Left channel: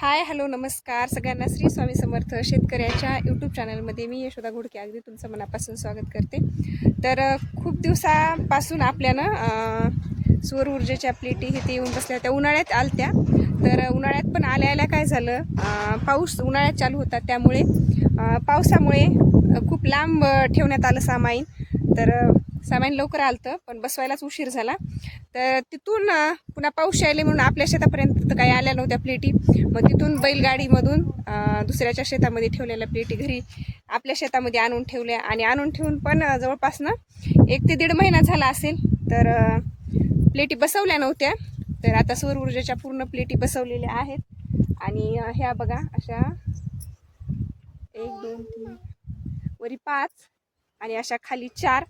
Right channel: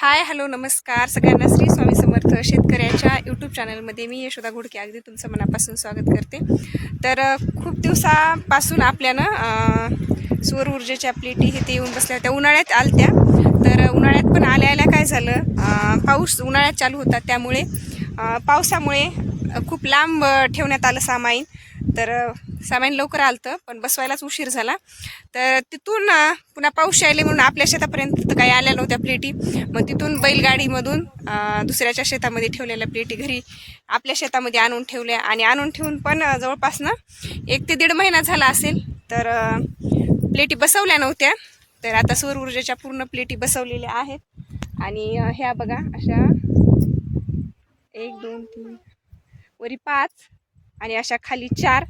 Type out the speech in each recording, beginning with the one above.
Hi hello नमस्कार. सगळ्यांना श्री स्वामी समर्थ शेतकऱ्याच्या यूट्यूब चॅनलमध्ये मी यशोदा घोडके. अगदी तुमचं मनापासून स्वागत करते. तर खूप दिवसापासून आपल्यानं सौर ऊर्जेच्या प्लेटी हे ते येऊन बसल्या होत्या. उन्हाळ्यात आलत्या. तर उन्हाळ्यात पण आल्या आल्या काय झालं? पाऊस उन्हाळ्यात चालू होता. त्यामुळे पावसामुळे खूप लांब ठेवण्यात आलं सामाईन तर सामान लवकर आलं पण बसवायलाच उशीर झाला. तर तिथून पुन्हा पाऊस यायले म्हणून आपल्या शेतापर्यंत तर काही आल्या नव्हत्या प्लेटी. मग तिथून बैलगाडीमधून दुसऱ्याच्या शेतामध्ये ठेवलेल्या प्लेटी घरी आपल्या शेतामध्ये आणून ठेवल्या. आणि आणून ठेवून पण जवळपास ना एक ते दीड महिना झाला असेल. तर प्लेटी बसवल्या नव्हत्या. तर आता सौर ऊर्जेच्या पूर्ण प्लेटी बसवलेल्या आहेत. आणि ह्या बघा अशा एक दोन तीन वरी पाच आणि अशा खाली चार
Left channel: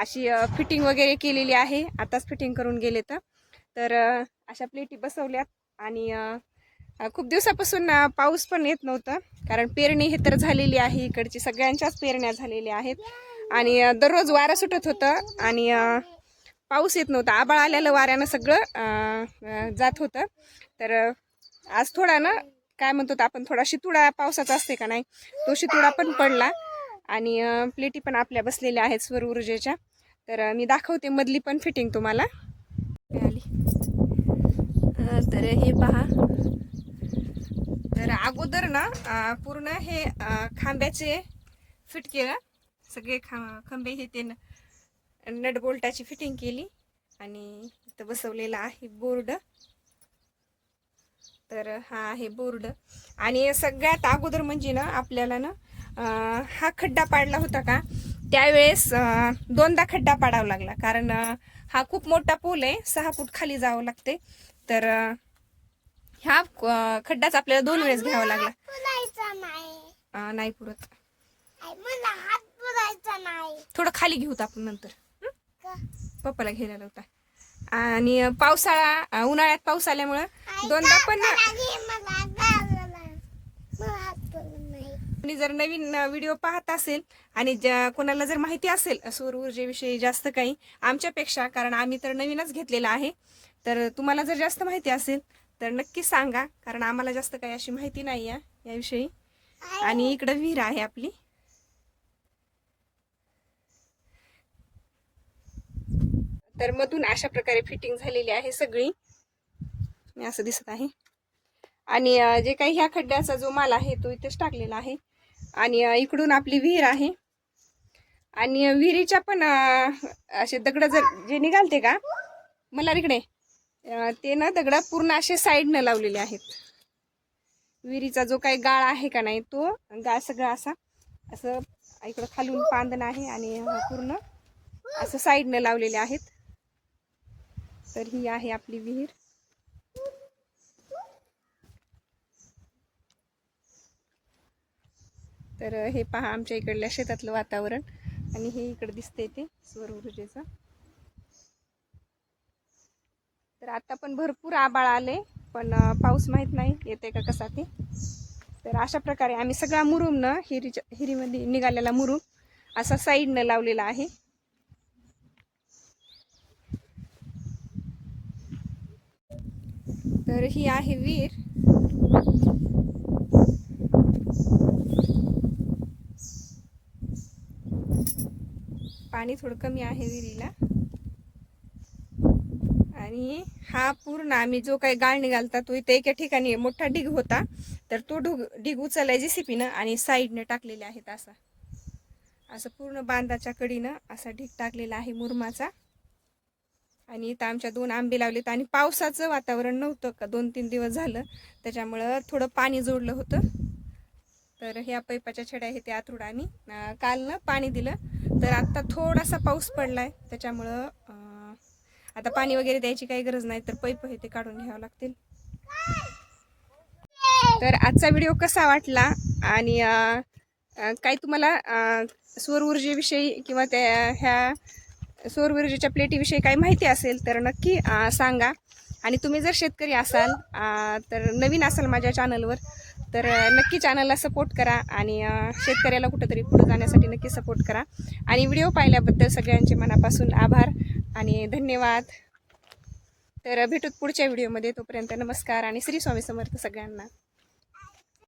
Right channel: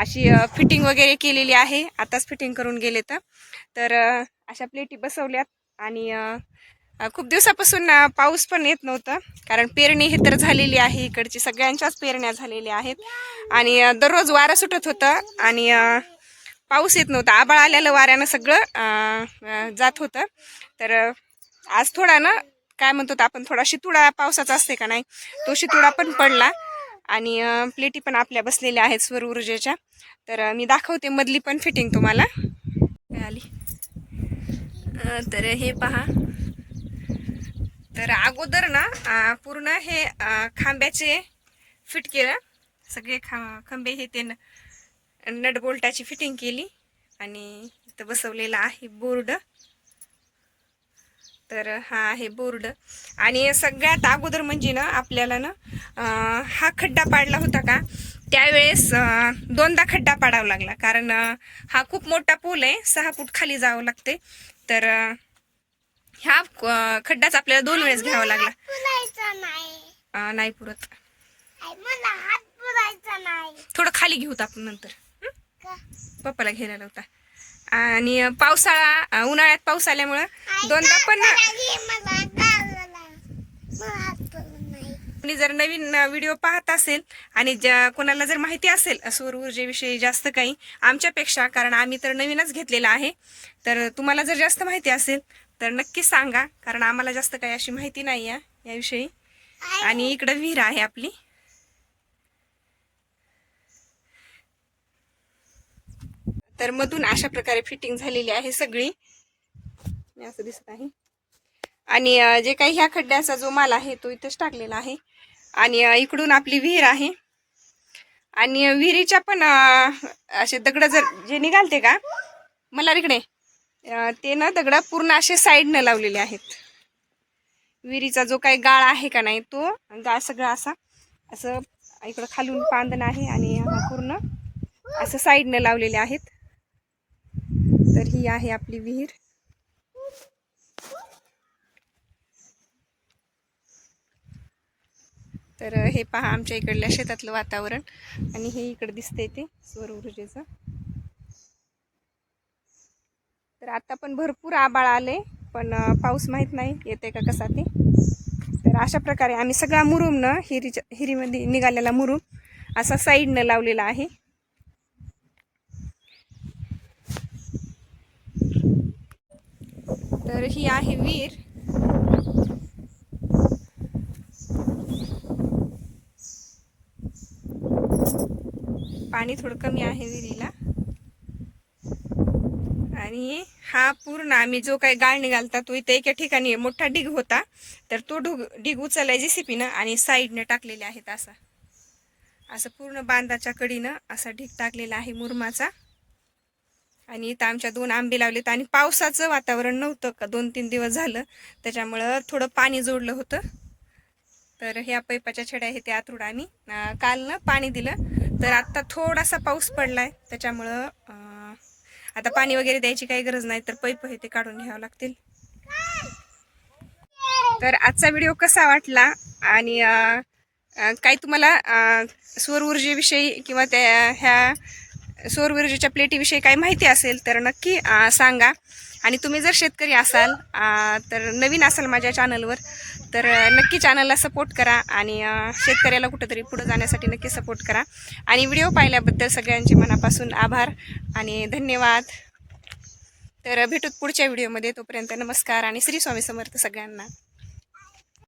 अशी फिटिंग वगैरे केलेली आहे. आताच फिटिंग करून गेले तर. अशा प्लेटी बसवल्यात आणि खूप दिवसापासून पाऊस पण येत नव्हतं. कारण पेरणी हे तर झालेली आहे. इकडची सगळ्यांच्याच पेरण्या झालेल्या आहेत. आणि दररोज वारं सुटत होतं आणि पाऊस येत नव्हता. आबाळ आलेलं वाऱ्यानं सगळं जात होतं. तर आज थोडा ना काय म्हणतो आपण थोडा शितुडा पावसाचा असते का नाही तो शितुडा पण पडला. आणि प्लेटी पण आपल्या बसलेल्या आहेत स्वर ऊर्जेच्या. तर मी दाखवते मधली पण फिटिंग तुम्हाला. आली? तर हे पहा. तर अगोदर ना पूर्ण हे खांब्याचे फिट केलं. सगळे खा खांबे हे ते नट बोल्टाची फिटिंग केली. आणि इथं बसवलेला आहे बोर्ड. तर हा आहे बोर्ड. आणि सगळ्यात अगोदर म्हणजे ना आपल्याला ना हा खड्डा पाडला होता का त्यावेळेस दोनदा खड्डा पाडावा लागला. कारण हा खूप मोठा पूल आहे सहा फूट खाली जावं लागते. तर ह्या खड्डाच आपल्याला दोन वेळेस घ्यावा लागला. नाही पुरत. थोडं खाली घेऊत आपण नंतर? पप्पाला घ्यायला होता. आणि पावसाळा उन्हाळ्यात पाऊस आल्यामुळं दोनदा पण कोणी जर नवीन व्हिडिओ पाहत असेल आणि ज्या कोणाला जर माहिती असेल सौर ऊर्जेविषयी जास्त काही आमच्यापेक्षा कारण आम्ही तर नवीनच घेतलेला आहे तर तुम्हाला जर जास्त माहिती असेल तर नक्की सांगा कारण आम्हाला जास्त काही अशी माहिती नाही आहे याविषयी आणि इकडं विहीर आहे आपली. तर मधून अशा प्रकारे फिटिंग झालेली आहे सगळी. मी असं दिसत आहे. आणि जे काही ह्या खड्ड्याचा जो माल आहे तो इथेच टाकलेला आहे. आणि इकडून आपली विहीर आहे. आणि विहिरीच्या पण असे दगड जर जे निघालते का मला इकडे. ते ना दगड पूर्ण असे साईडनं लावलेले आहेत. विहिरीचा जो काही गाळ आहे का नाही तो गाळ सगळा असा असं इकडं खालून पांदण आहे आणि पूर्ण असं साईडनं लावलेले आहेत. तर ही आहे आपली विहीर. तर हे पहा आमच्या इकडल्या शेतातलं वातावरण आणि हे इकडे दिसतंय ते सौर ऊर्जेचं. तर आता पण भरपूर आबाळ आले पण पाऊस माहीत नाही येते का कसा ते? तर अशा प्रकारे आम्ही सगळा मुरुम न हिरीच्या हिरीमध्ये निघालेला मुरुम असा साईडनं लावलेला आहे. तर ही आहे विहीर पाणी थोडं कमी आहे विहिरीला. आणि हा पूर्ण आम्ही जो काही गाळ निघालता तो इथे एका ठिकाणी मोठा ढीग होता. तर तो ढोग ढीग उचललाय जेसीपीनं आणि साईडने टाकलेले आहेत असा. असं पूर्ण बांधाच्या कडीनं असा ढीग टाकलेला आहे मुरमाचा. आणि इथं आमच्या दोन आंबे लावलेत आणि पावसाचं वातावरण नव्हतं का? दोन तीन दिवस झालं. त्याच्यामुळं थोडं पाणी जोडलं होतं. तर ह्या पैपाच्या छड्या आहे त्या आतरुड आम्ही काल ना पाणी दिलं. तर आत्ता थोडासा पाऊस पडला आहे त्याच्यामुळं आता पाणी वगैरे द्यायची काही गरज नाही. तर पैप हे ते काढून घ्यावं लागतील. तर आजचा व्हिडिओ कसा वाटला? आणि काही तुम्हाला सौर ऊर्जेविषयी किंवा त्या ह्या सौरविरजेच्या प्लेटीविषयी काही माहिती असेल तर नक्की सांगा. आणि तुम्ही जर शेतकरी असाल तर नवीन असाल माझ्या चॅनलवर तर नक्की चॅनलला सपोर्ट करा आणि शेतकऱ्याला कुठंतरी पुढे जाण्यासाठी नक्की सपोर्ट करा. आणि व्हिडिओ पाहिल्याबद्दल सगळ्यांचे मनापासून आभार आणि धन्यवाद. तर भेटूत पुढच्या व्हिडिओमध्ये. तोपर्यंत नमस्कार आणि श्री स्वामी समर्थ सगळ्यांना.